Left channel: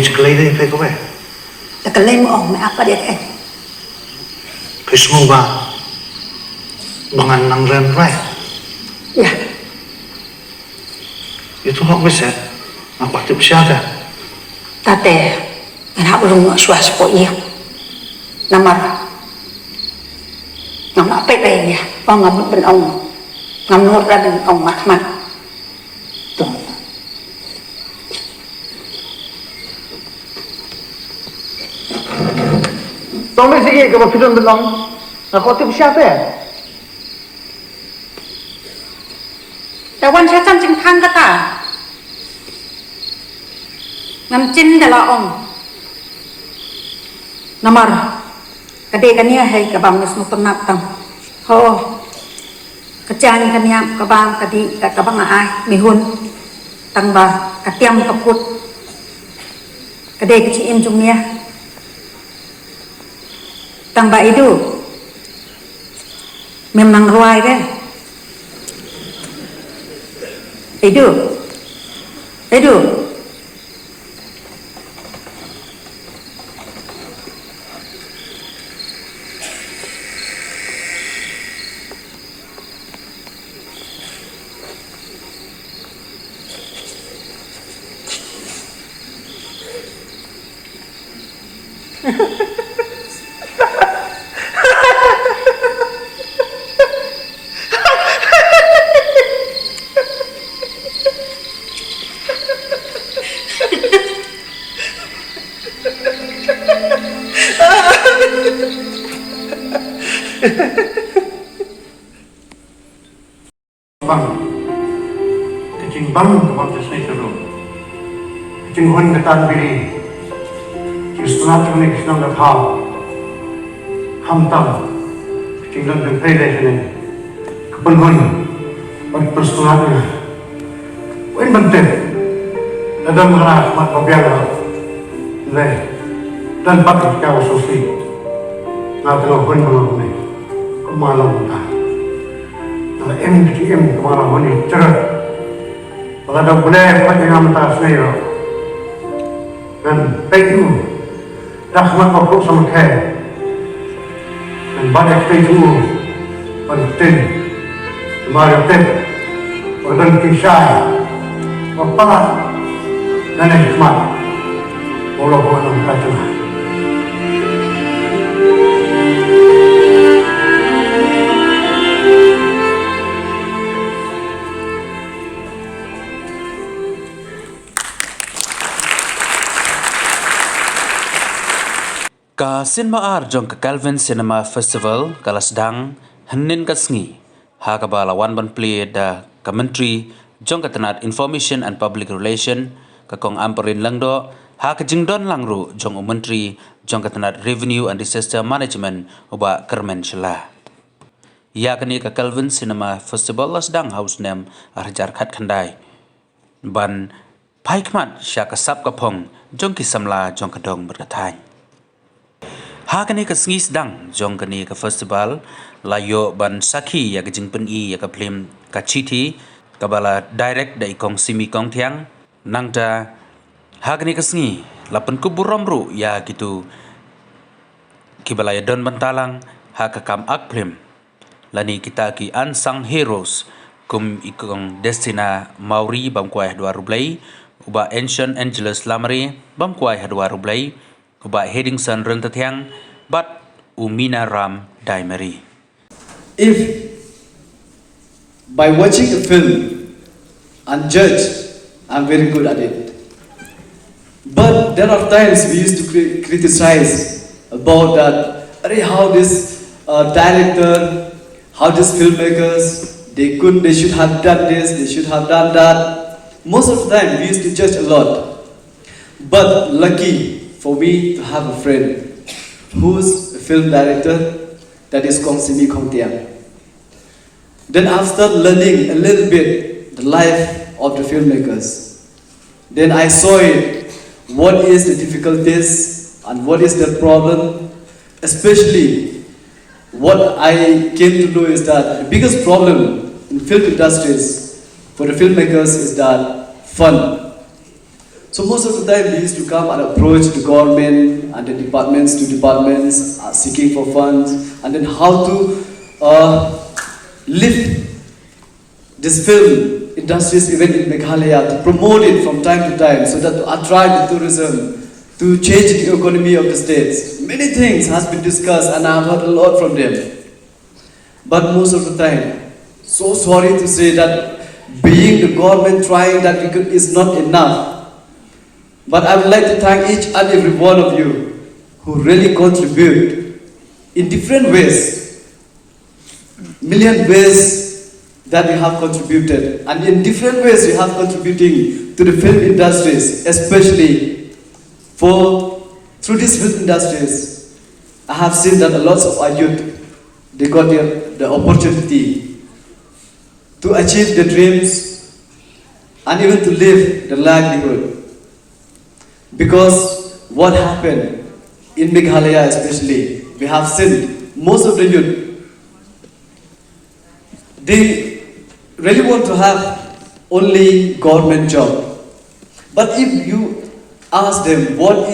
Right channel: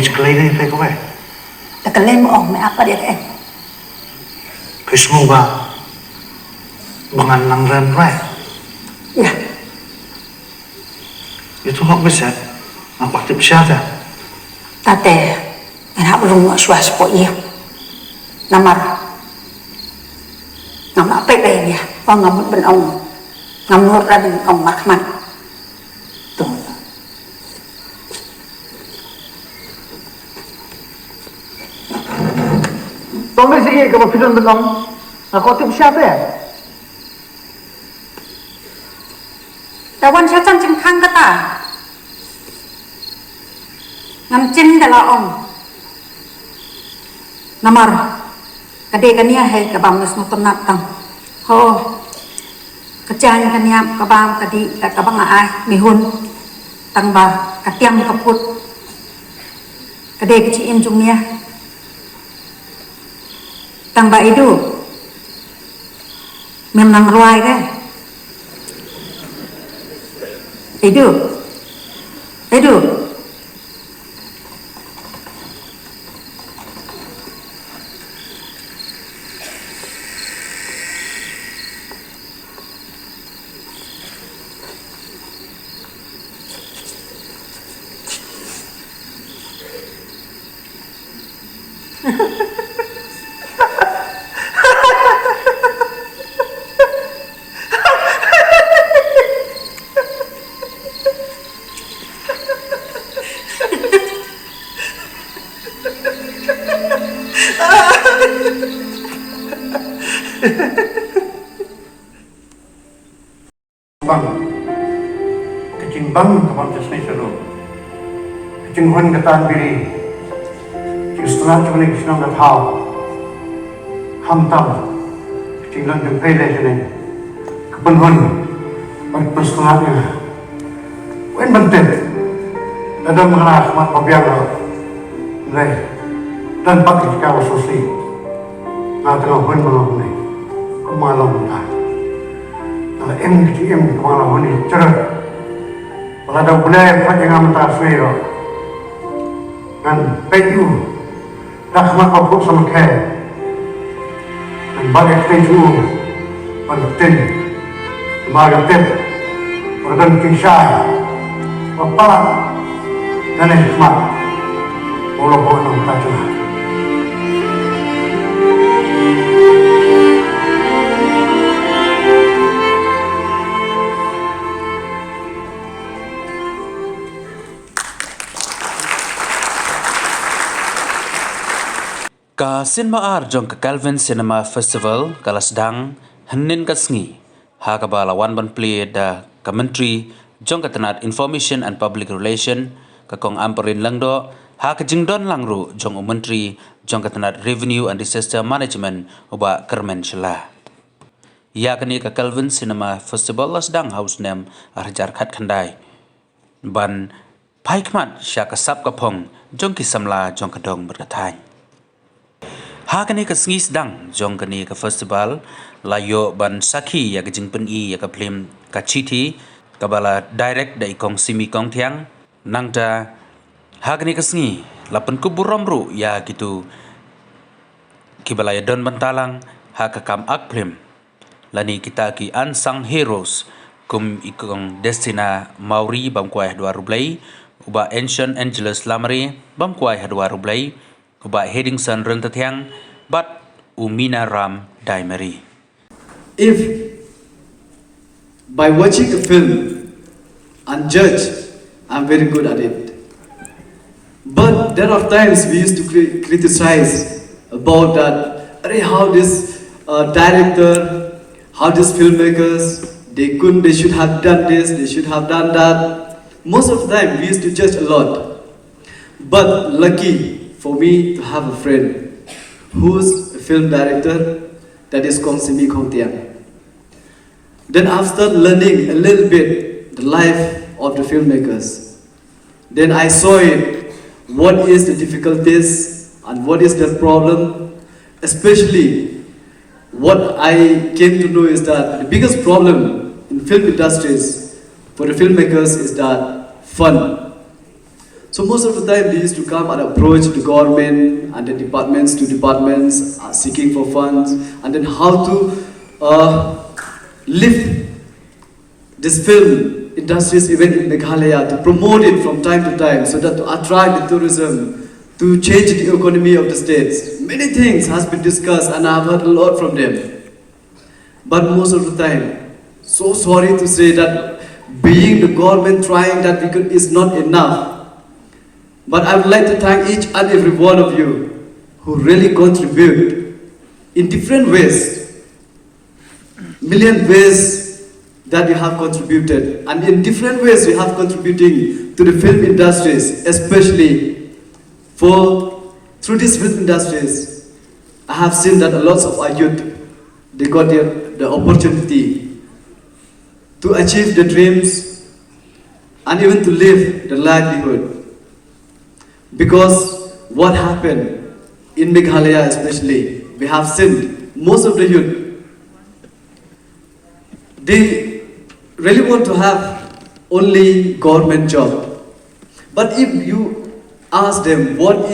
May cekelai ni kau kau. Cekelai mu om apa dia kan? Kismu ba, bangan nangran kau. Ya. Itu hak besar. Apa tu siapa? Tate, enak belum nak suas kau iya. Nama apa dia? Ngam ben ông, ngam nur ra ben ông mak mak. Tu. Tolong sikit kalau kita belum. Nak kau tu siapa? Tawan siapa cing kang kata? Ngam cin dah om. Namar. Kadai kania hai kabang nas mutunat tang. Ho. Kejan kania kabang tadi kabang ai mihun tang ba katiam kaput. Kadai kecin jumia. Tang ba itu memang ruai kan? Itu. Bang, kecing bang kapal tersebut terus. Kecing huan kata diri, istilah tunik senang berhal, hamtam, kecing lan berpeda sini, kepenuhan, berpersatuannya, wen bentar, ada mengelas mat bagian leh, dan pakai kau sosial, nggak tahu huan malam ni, malam entah. Em kepala ni cerah. Kalau ada boleh pakai nama tas ni lah. Dan peju dah sama kau sama kaya. Dan banyak peju penting, banyak penting, berbentuk saya, apa dan hikmat. Walaupun nama kata. Ka Kynmaw jong ka Kelvin Cinema Festival khlad&dang henin ka sngi ha ka balawan ban play da ka menteri jong ka tanat Information and Public Relation ka kong amperin langdo ha ka jingdon langru jong menteri jong ka tanat Revenue and Disaster Management uba kermen shela ya kani ka Kelvin Cinema Festival khlad&dang house name arjar khat khandai ban paikmat sya ka sap ka phong jong ki samla jong ka dong berkathai ha kani ka sngi sedang jong kani ka festival layo ban sakhi ya ka jingpen I ya ka phlim ka chiti ka bala direct dai kong simi kong thiang nangta ha kani ka sngi lapan ku buromru ya gitu ki bala ya don bantalang ha ka kam ak phlim lani kita ki unsung heroes kum ikong destina mauri bam kwai 2 rublai uba ancient angeles lamari bam kwai 2 rublai uba heading san rentatiang but umina ram daimeri. If by watching a film and judge, I'm very good at it. But there are times we used to criticize about that, how this director, how these filmmakers, they should have done this, they should have done that. Most of the time we used to judge a lot. But lucky for me to have a friend who's a film director, that is Kynmaw. Then after learning a little bit the life of the filmmakers, then I saw it, what is the difficulties and what is the problem. Especially what I came to know is that the biggest problem in film industries for the filmmakers is that fund. So most of the time they used to come and approach the government and the departments to departments seeking for funds and then how to lift this film industries even in Meghalaya, to promote it from time to time so that to attract the tourism, to change the economy of the states. Many things has been discussed and I have heard a lot from them. But most of the time, so sorry to say that being the government trying that is not enough. But I would like to thank each and every one of you who really contribute in different ways, million ways that you have contributed, and in different ways you have contributing to the film industries, especially through these film industries. I have seen that a lot of our youth, they got the opportunity to achieve the dreams and even to live the livelihood. Because what happened in Meghalaya especially, we have seen most of the youth, they really want to have only government job. But if you ask them what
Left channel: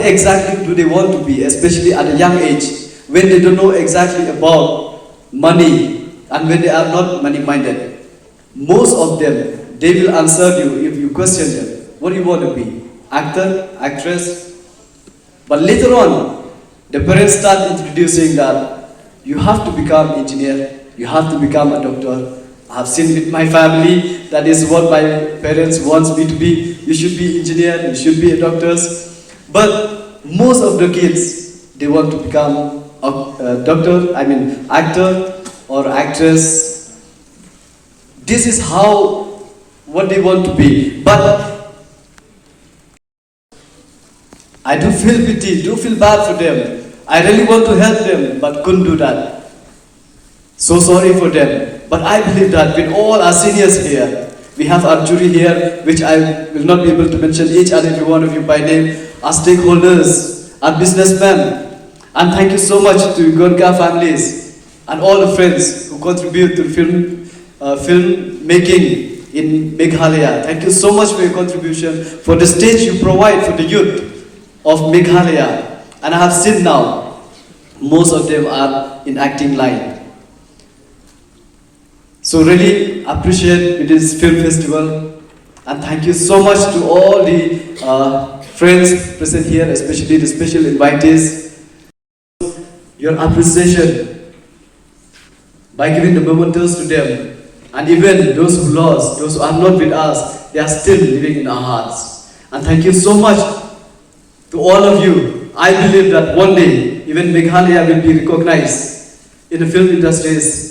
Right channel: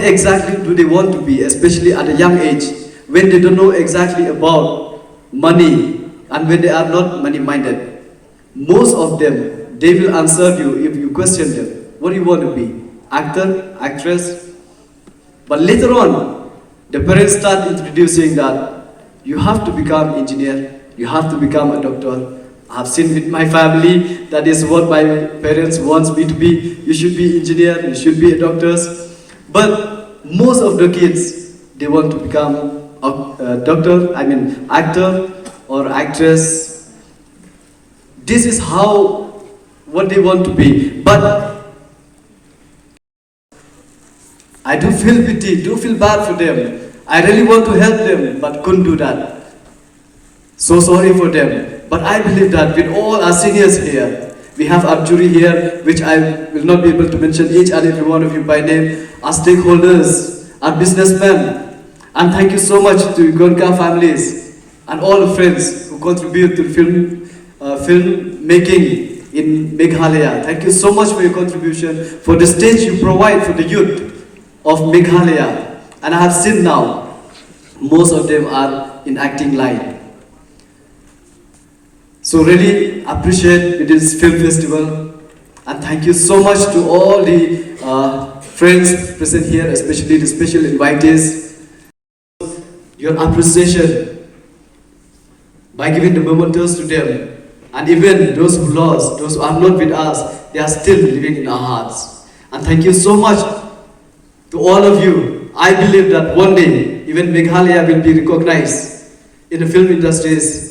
exactly do they want to be, especially at a young age, when they don't know exactly about money and when they are not money-minded, most of them, they will answer you if you question them. What do you want to be? Actor, actress? But later on, the parents start introducing that you have to become engineer, you have to become a doctor. I have seen with my family, that is what my parents want me to be. You should be engineer, you should be a doctor. But most of the kids, they want to become a doctor, actor or actress. This is what they want to be. But I do feel pity, do feel bad for them. I really want to help them, but couldn't do that. So sorry for them. But I believe that with all our seniors here, we have our jury here, which I will not be able to mention each and every one of you by name, our stakeholders, our businessmen. And thank you so much to Gonka families and all the friends who contribute to film making in Meghalaya. Thank you so much for your contribution, for the stage you provide for the youth of Meghalaya. And I have seen now, most of them are in acting line. So really appreciate this film festival, and thank you so much to all the friends present here, especially the special invitees. Your appreciation by giving the mementos to them, and even those who lost, those who are not with us, they are still living in our hearts. And thank you so much to all of you. I believe that one day, even Meghalaya will be recognized in the film industries,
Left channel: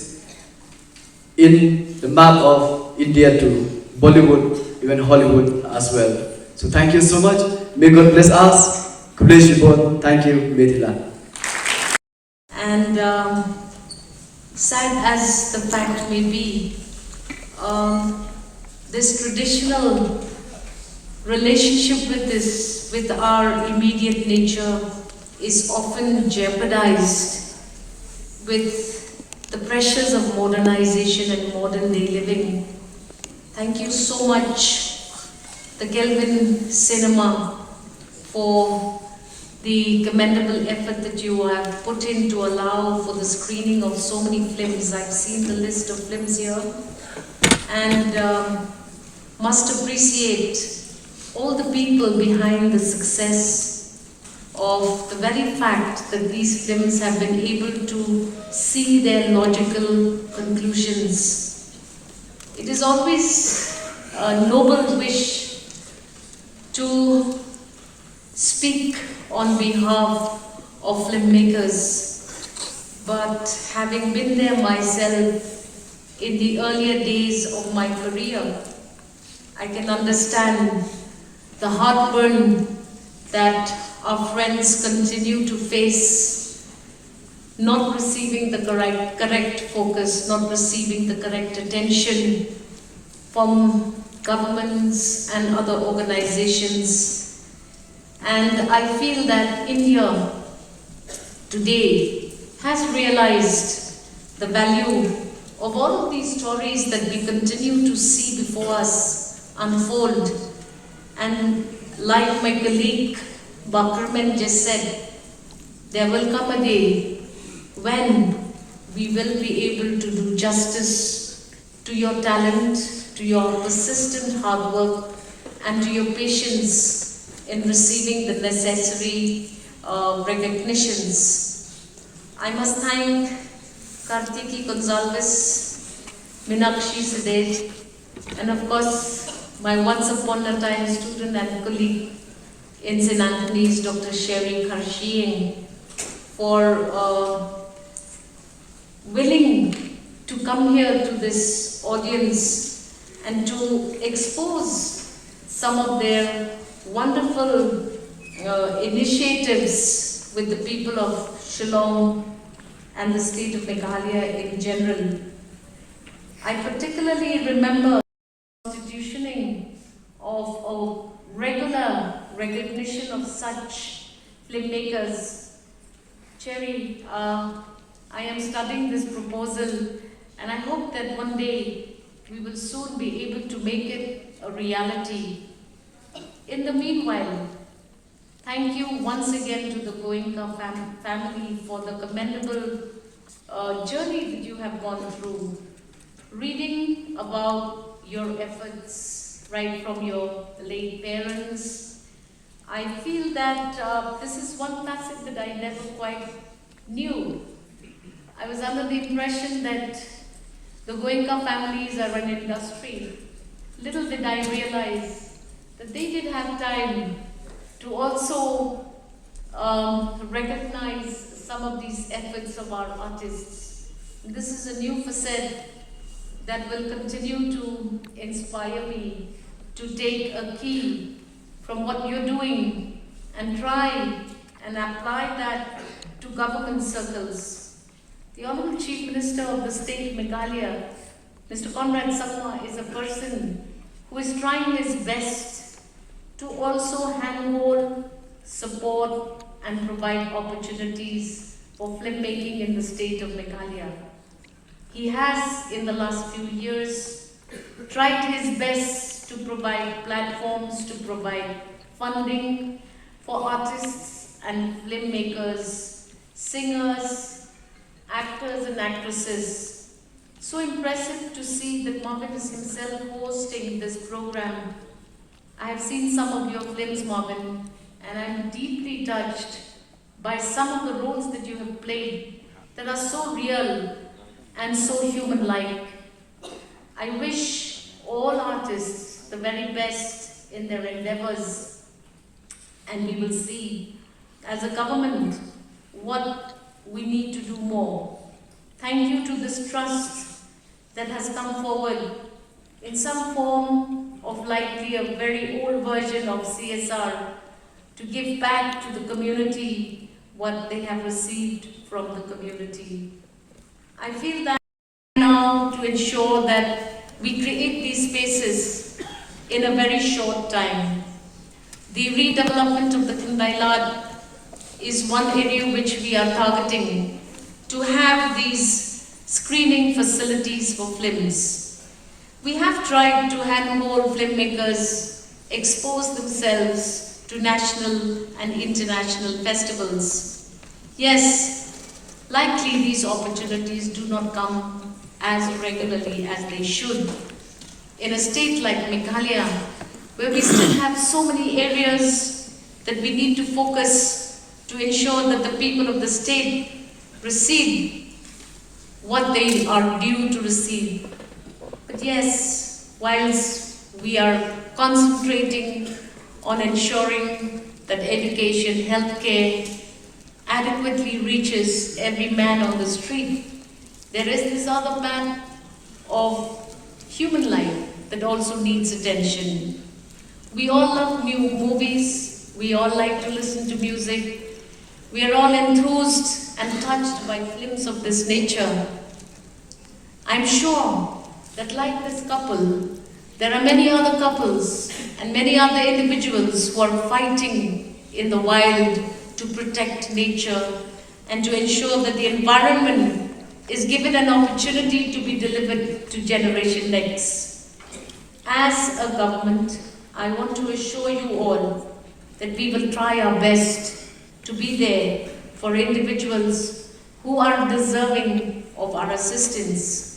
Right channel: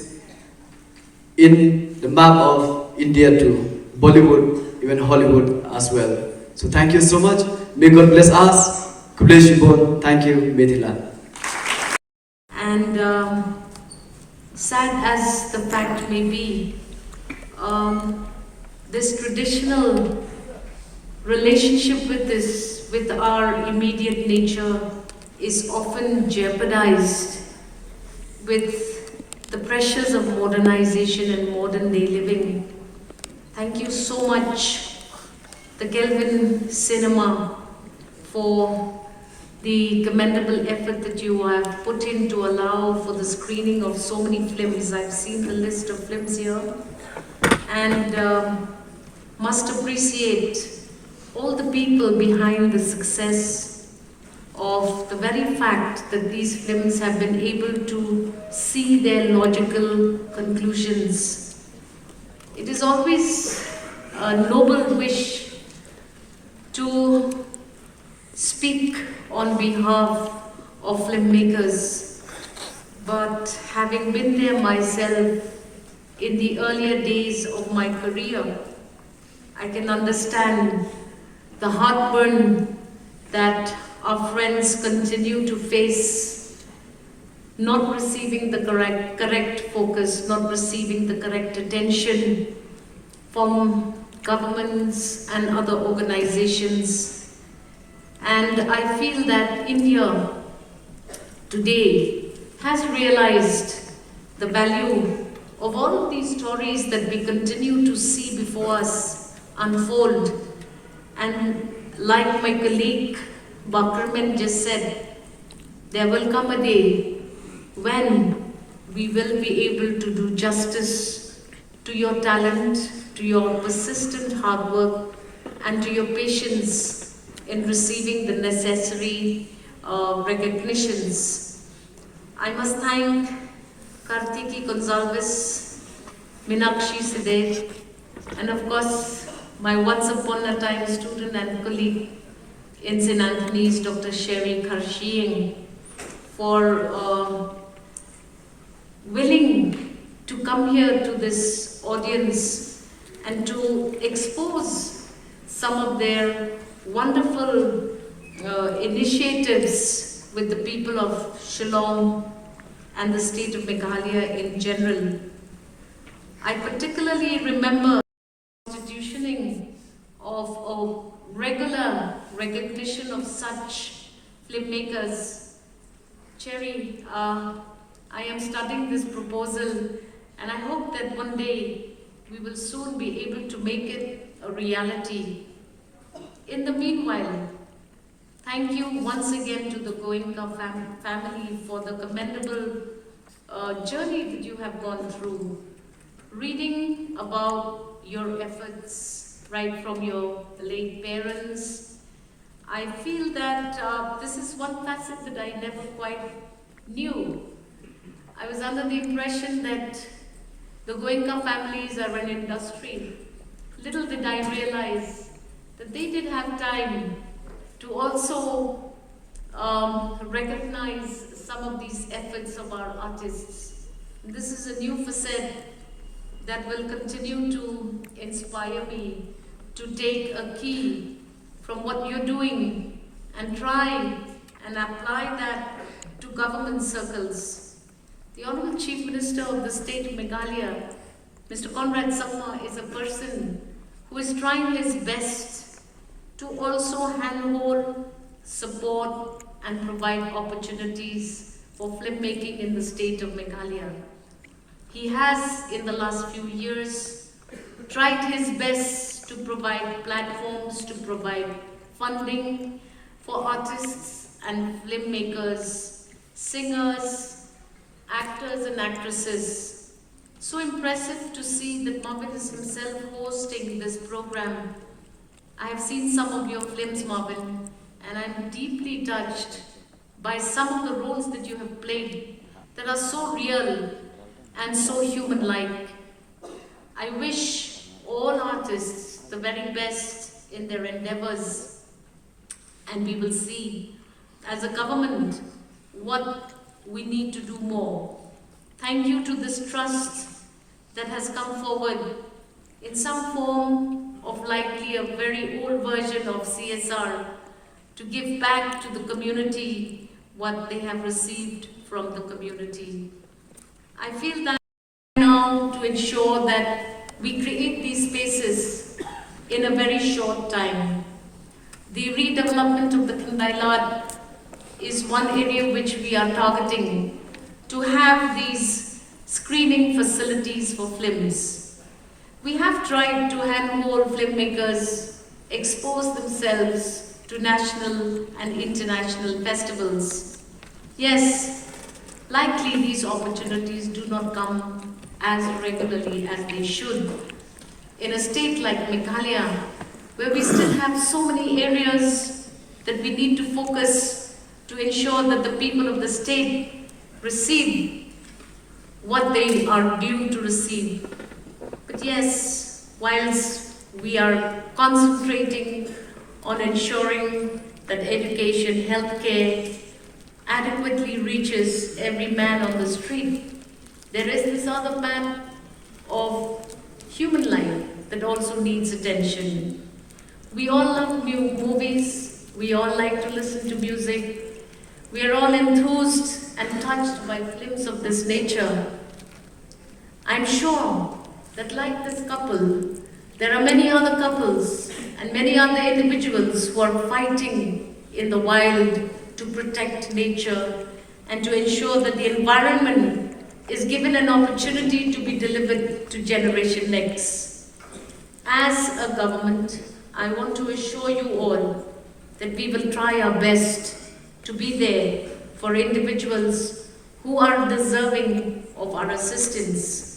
in the map of India to Bollywood, even Hollywood as well. So thank you so much. May God bless us. God bless you both. Thank you. Medhila. And sad as the fact may be, this traditional relationship with our immediate nature is often jeopardized with the pressures of modernization and modern day living. Thank you so much, the Kelvin Cinema, for the commendable effort that you have put in to allow for the screening of so many films. I've seen the list of films here, and must appreciate all the people behind the success of the very fact that these films have been able to see their logical conclusions. It is always a noble wish to speak on behalf of filmmakers, but having been there myself in the earlier days of my career, I can understand the heartburn that our friends continue to face, not receiving the correct focus, not receiving the correct attention from governments and other organizations. And I feel that India today has realized the value of all of these stories that we continue to see before us unfold And like my colleague Bakarman just said, there will come a day when we will be able to do justice to your talent, to your persistent hard work, and to your patience in receiving the necessary recognitions. I must thank Kartiki Gonzalez, Minakshi Sideh, and of course my once upon a time student and colleague in St. Anthony's, Dr. Sherry Karshiing, for willing to come here to this audience and to expose some of their wonderful initiatives with the people of Shillong and the state of Meghalaya in general. I particularly remember constitutioning of a regular recognition of such filmmakers. Cherry, I am studying this proposal and I hope that one day we will soon be able to make it a reality. In the meanwhile, thank you once again to the Goenka family for the commendable journey that you have gone through. Reading about your efforts right from your late parents, I feel that this is one facet that I never quite knew. I was under the impression that the Goenka families are an industry. Little did I realize that they did have time to also recognize some of these efforts of our artists. This is a new facet that will continue to inspire me to take a key from what you're doing and try and apply that to government circles. The Honorable Chief Minister of the state of Meghalaya, Mr. Conrad Sangma, is a person who is trying his best to also handhold, support and provide opportunities for filmmaking in the state of Meghalaya. He has, in the last few years, tried his best to provide platforms, to provide funding for artists and filmmakers, singers, actors and actresses. So impressive to see that Marvin is himself hosting this program. I have seen some of your films, Marvin, and I'm deeply touched by some of the roles that you have played that are so real and so human-like. I wish all artists the very best in their endeavors, and we will see as a government what we need to do more. Thank you to this trust that has come forward in some form of likely a very old version of CSR to give back to the community what they have received from the community. I feel that now to ensure that we create these spaces in a very short time. The redevelopment of the khlad is one area which we are targeting to have these screening facilities for films. We have tried to handhold filmmakers expose themselves to national and international festivals. Yes, likely these opportunities do not come as regularly as they should. In a state like Meghalaya, where we still have so many areas that we need to focus to ensure that the people of the state receive what they are due to receive. But yes, whilst we are concentrating on ensuring that education, healthcare adequately reaches every man on the street, there is this other part of human life that also needs attention. We all love new movies, we all like to listen to music, we are all enthused and touched by films of this nature. I'm sure that like this couple, there are many other couples and many other individuals who are fighting in the wild to protect nature and to ensure that the environment is given an opportunity to be delivered to generation next. As a government, I want to assure you all that we will try our best to be there for individuals who are deserving of our assistance